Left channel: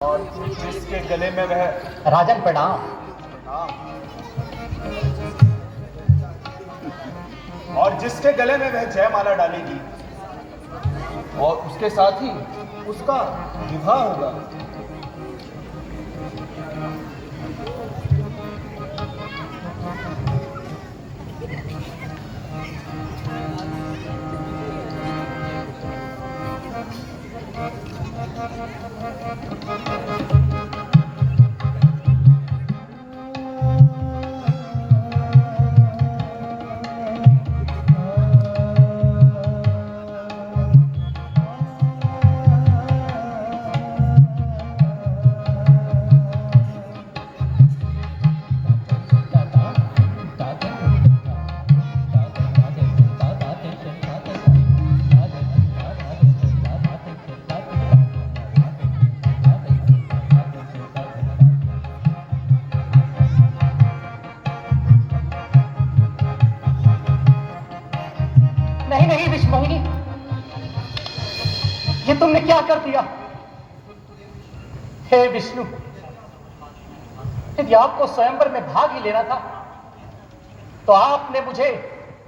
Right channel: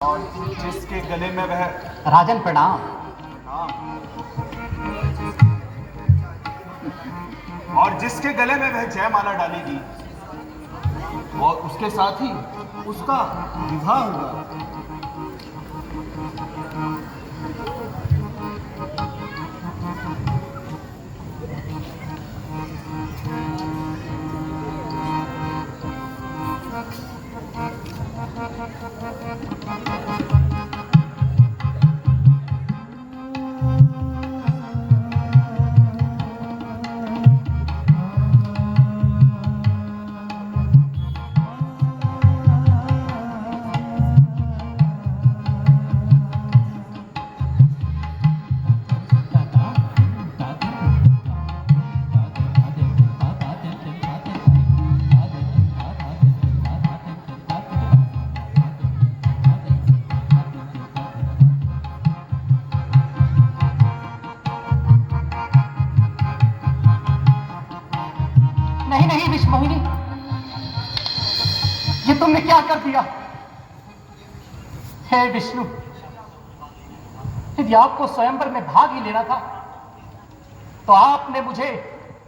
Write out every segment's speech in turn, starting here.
और जिसके गले में वह राजन प्रणाम। और जिसके गले में वह जयमाला डालेगी और उसके साथ ही उसका विवाह होगा। नहीं नहीं विष्णु मोहिनी, ये तुमने क्या कर दिया? हे विष्णु, यदि आपको स्वयंवर में भाग ही लेना था तो आपने मुझे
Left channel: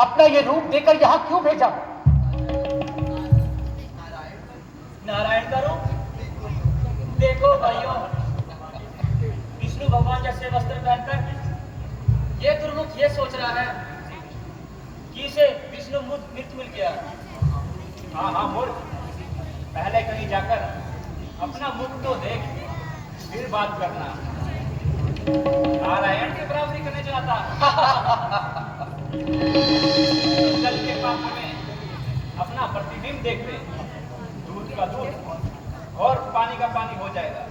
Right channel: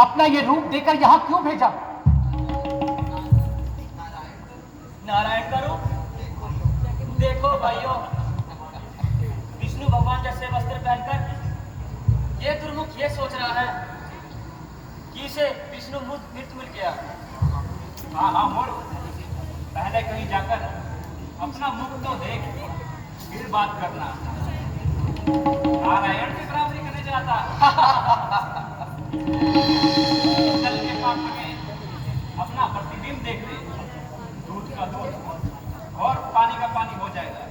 अपना ये रूप देकर यहां क्यों भेजा? नारायण का रूप देखो भाइयों, विष्णु भगवान जैसे वस्त्र पहनकर ये दुर्मुख ये सोच रहा है कि इसे विष्णु मृत मिल गया। हाँ मूर्ख, पहले कहीं जाकर अपना मुख तो देख, फिर बात करना। नारायण की बराबरी करने जाता। जल के पात्र में अपना प्रतिबिंब देख ले, दूध का दूध और पानी का पानी हो जाएगा।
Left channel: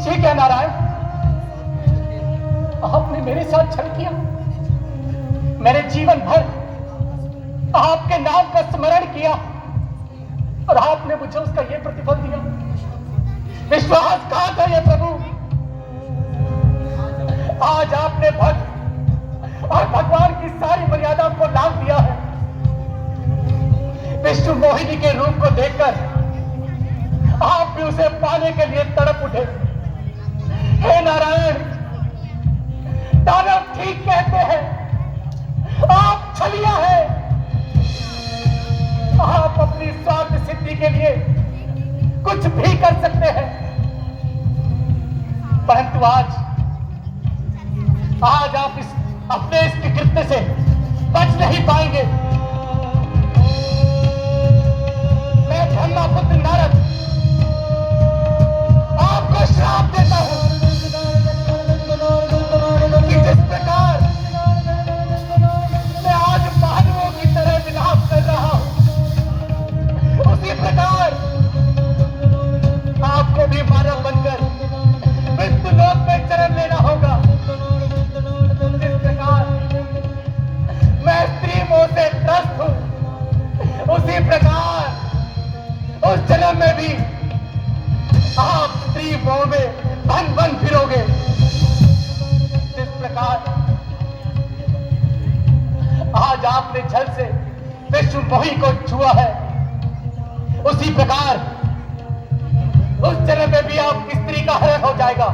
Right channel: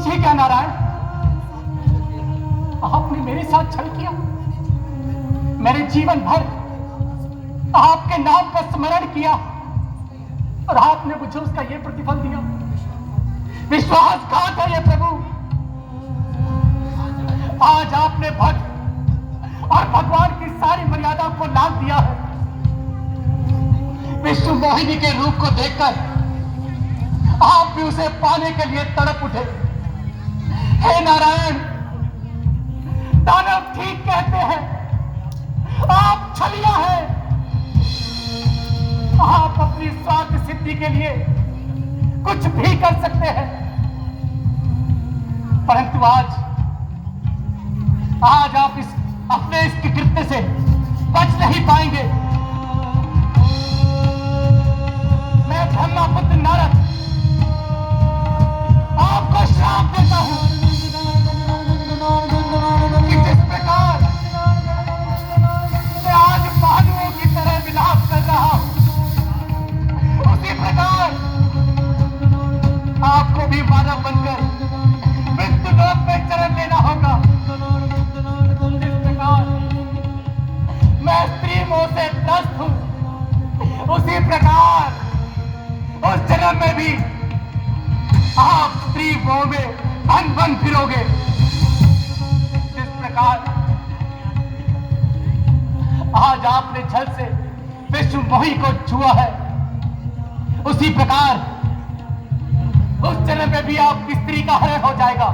ये क्या नारायण, आपने मेरे साथ छल किया। मेरे जीवन भर आपके नाम का स्मरण किया और आपने मुझे उसका ये प्रतिफल दिया। विश्वासघात है ये प्रभु। आज आपने भक्त और भगवान की सारी मर्यादा को लांघ दिया है। विष्णु मोहिनी के रूप को देखकर आप भी उसे पाने के लिए तड़प उठे। हे नारायण, दानव ठीक कहते हैं, आप छलिया है। आप अपनी स्वार्थ सिद्धि के लिए कुछ भी कर सकते हैं, परंतु आज आप अपने इस कृत्य से बच नहीं पाएंगे। मैं ब्रह्मपुत्र नारद आपको श्राप देता हूं कि जिस प्रकार मैं आज भालुओं की तरह विलाप कर रहा हूं, उसी प्रकार आपको भी मानव बनकर मृत्युलोक में चरण लेना होगा। जिस प्रकार मैं स्त्री मोह से त्रस्त हूं, उसी प्रकार उस जन्म में भी आप स्त्री मोह में बन फिरोगे। जिस प्रकार आज आपने छल से विष्णु मोही को छुआ है, उसी प्रकार उस जन्म में भी आपकी स्त्री का हरण हो जाएगा।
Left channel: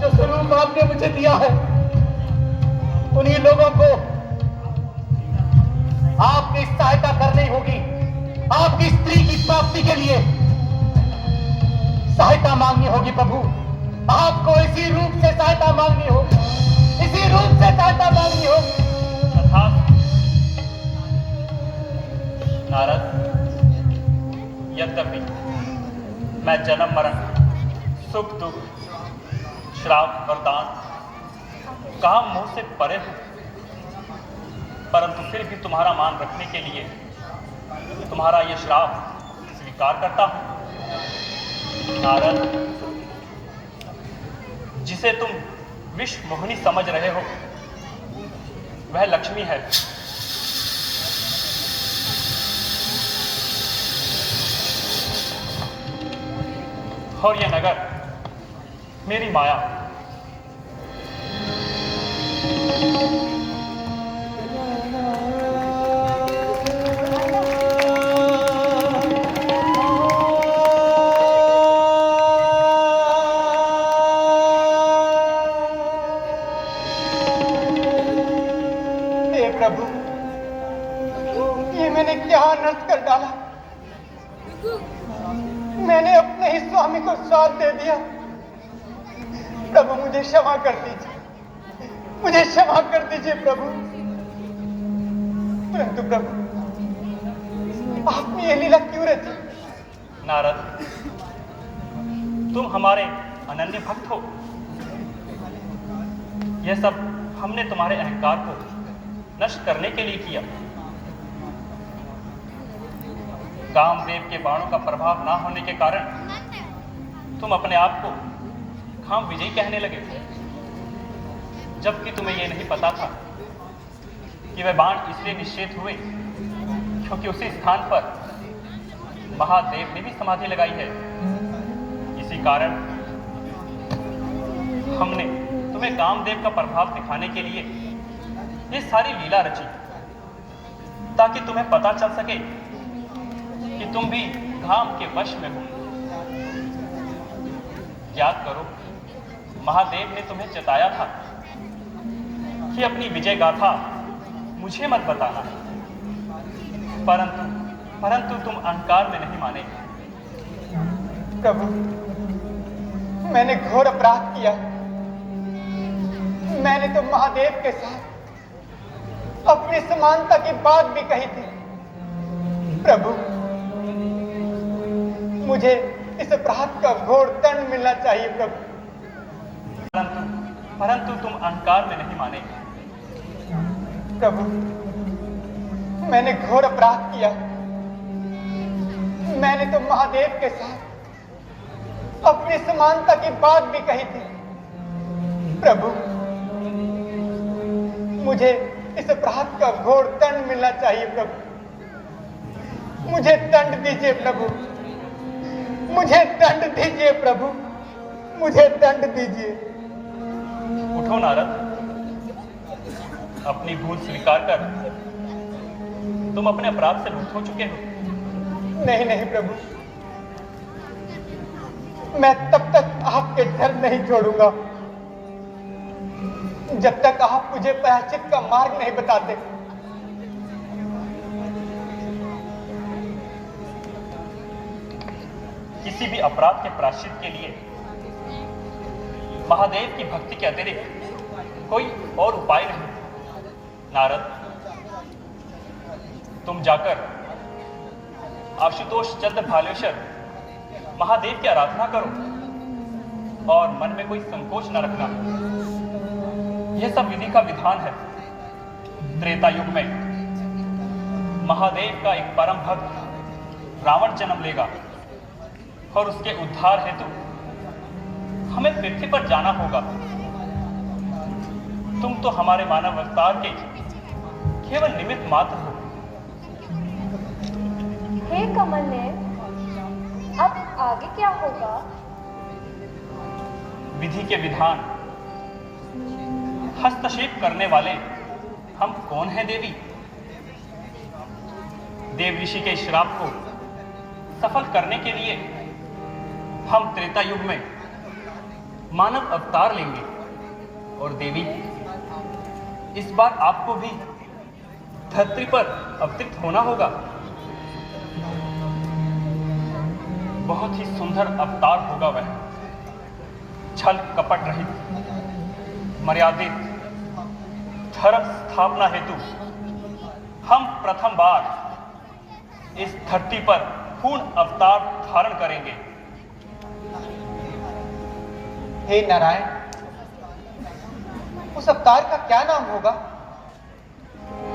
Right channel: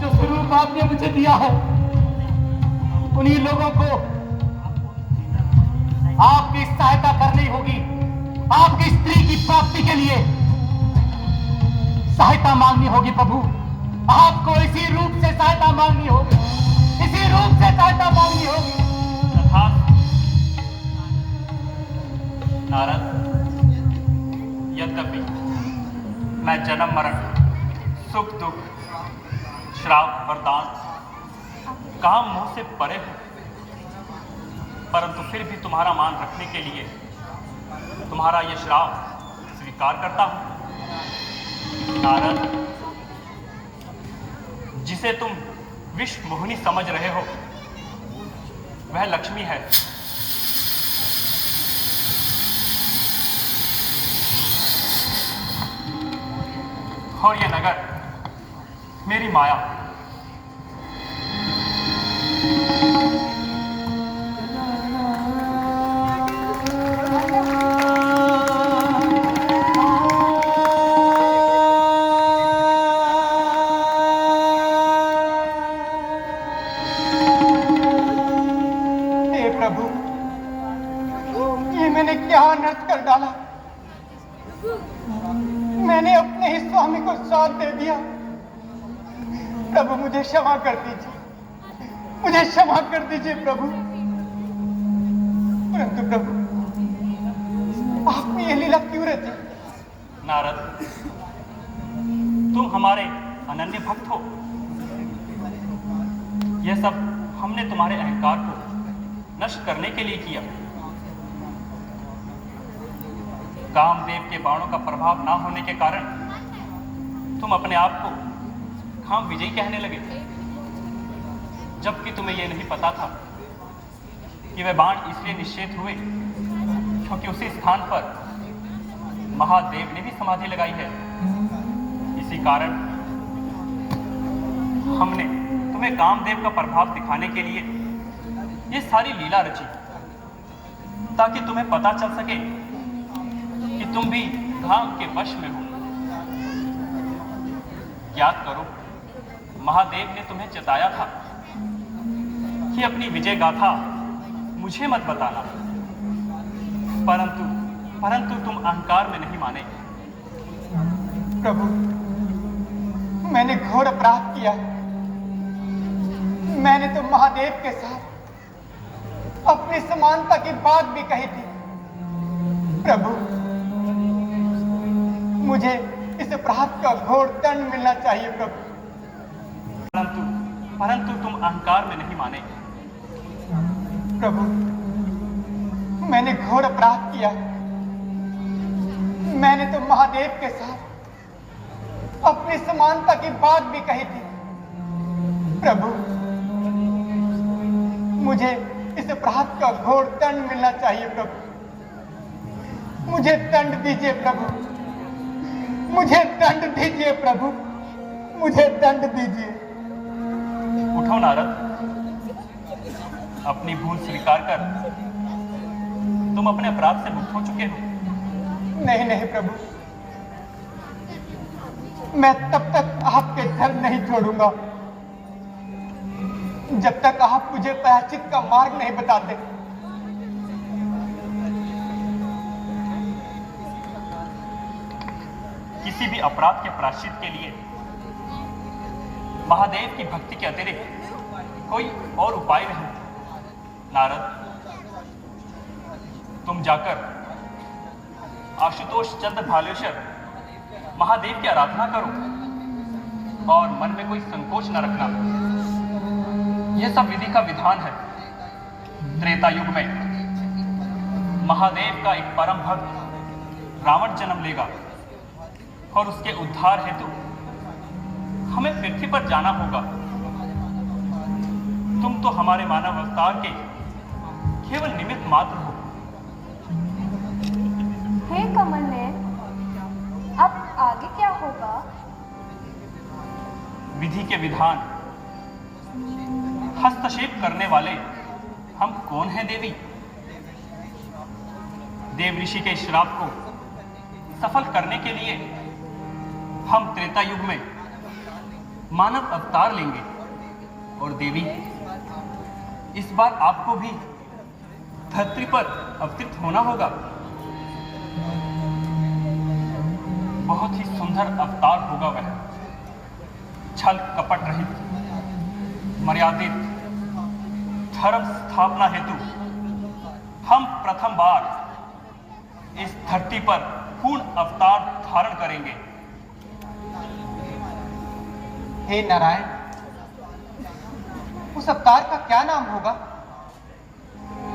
जो स्वरूप आपने मुझे दिया है, उन्हीं लोगों को आपकी सहायता करनी होगी। आपकी स्त्री की प्राप्ति के लिए सहायता मांगनी होगी प्रभु। आपको इसी रूप से सहायता मांगनी होगी, इसी रूप से सहायता मांगनी होगी। नारद, यद्यपि मैं जन्म मरण, सुख दुख, श्राप वरदान, काम मुंह से परे हूं, परंतु फिर भी तुम्हारा मान रखने के लिए तुम्हारा यह श्राप स्वीकार करता हूं। नारद, जिसे तुम विश्व मोहिनी समझ रहे हो, वह लक्ष्मी है। और यह नगर मेरी माया। हे प्रभु, ये मैंने क्या अनर्थ कर डाला। मैंने अपने ही स्वामी को श्राप दे दिया। प्रभु मुझे क्षमा कर दीजिए, मुझे क्षमा कर दीजिए प्रभु। परंतु प्रभु, आपने ये लीला क्यों रची? नारद, तुम हमारे अनन्य भक्त हो। यह सब हमने तुम्हारे अहंकार को नष्ट करने के लिए किया। कामदेव के बाणों का प्रभाव ना होने के कारण तुम अपने आप को काम विजयी कहने लगे, जबकि तुम्हें यह नहीं पता था कि वह बाण इसलिए निषेध हुए क्योंकि उसी स्थान पर महादेव ने भी समाधि लगाई है। इसी कारण हमने तुम्हें कामदेव का प्रभाव दिखाने के लिए ये सारी लीला रची, ताकि तुम्हें पता चल सके कि तुम भी काम के वश में हो। याद करो, महादेव ने तुम्हें चेताया था कि अपनी विजय गाथा मुझे मत बताना, परंतु तुम अहंकार में नहीं माने। प्रभु, मैंने घोर अपराध किया। मैंने तो महादेव के साथ अपनी समानता की बात भी कही थी। प्रभु, मुझे इस अपराध का घोर दंड मिलना चाहिए प्रभु। परंतु तुम अहंकार में नहीं माने। प्रभु, मैंने घोर अपराध किया। मैंने तो महादेव के साथ अपनी समानता की बात भी कही थी। प्रभु, मुझे इस अपराध का घोर दंड मिलना चाहिए प्रभु। मुझे दंड दीजिए प्रभु, मुझे दंड दीजिए प्रभु, मुझे दंड दीजिए। उठो नारद, अपनी भूल स्वीकार कर। तुम अपने अपराध से मुक्त हो चुके हो। नहीं नहीं प्रभु, मैं तब तक आपके धर्म नहीं छोड़ूंगा जब तक आप मुझे प्रायश्चित का मार्ग नहीं बताते। किसी भी अपराध के प्रायश्चित के लिए महादेव की भक्ति के अतिरिक्त कोई और उपाय नहीं। नारद, तुम जाकर आशुतोष चंद्र भालेश्वर महादेव की आराधना करो और मन में कोई संकोच न रखना। यह सब विधि का विधान है। त्रेता युग में महादेव का एक परम भक्त रावण जन्म लेगा और उसके उद्धार हेतु हमें पृथ्वी पर जाना होगा। तुम तो हमारे मानव अवतार के केवल निमित्त मात्र हो। हे कमलनयन, अब आगे क्या होगा? विधि के विधान हस्तक्षेप करने वाले हम कौन हैं देवी? देव ऋषि के श्राप को सफल करने के लिए हम त्रेता युग में मानव अवतार लेंगे। और देवी, इस बार आपको भी धरती पर अवतरित होना होगा। बहुत ही सुंदर अवतार होगा वह, छल कपट रहित, मर्यादित, धर्म स्थापना हेतु हम प्रथम बार इस धरती पर पूर्ण अवतार धारण करेंगे। हे नारायण, उस अवतार का क्या नाम होगा?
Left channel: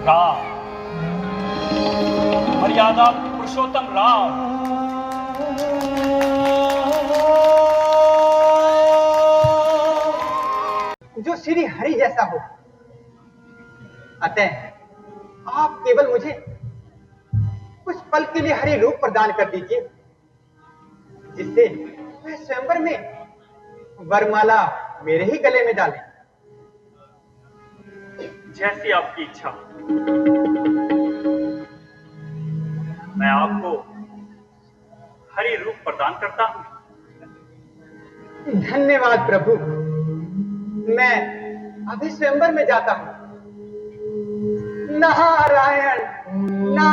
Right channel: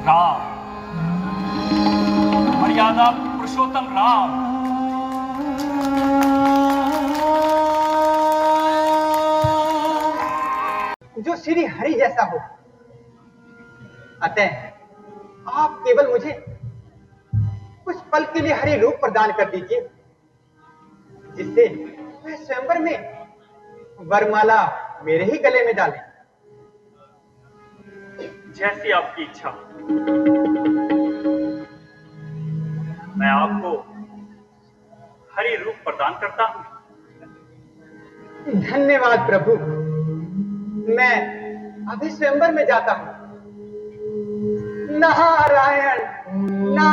राम, मर्यादा पुरुषोत्तम राम। जो श्री हरि जैसा हो। अतः आप केवल मुझे कुछ पल के लिए हरि रूप प्रदान कर दीजिए, जिससे मैं स्वयंवर में वरमाला मेरे ही गले में डालें। जैसी आपकी इच्छा। मैं आपको हरि रूप प्रदान करता हूं। धन्यवाद प्रभु। मैं अभी स्वयंवर में जाता हूं। नारायण।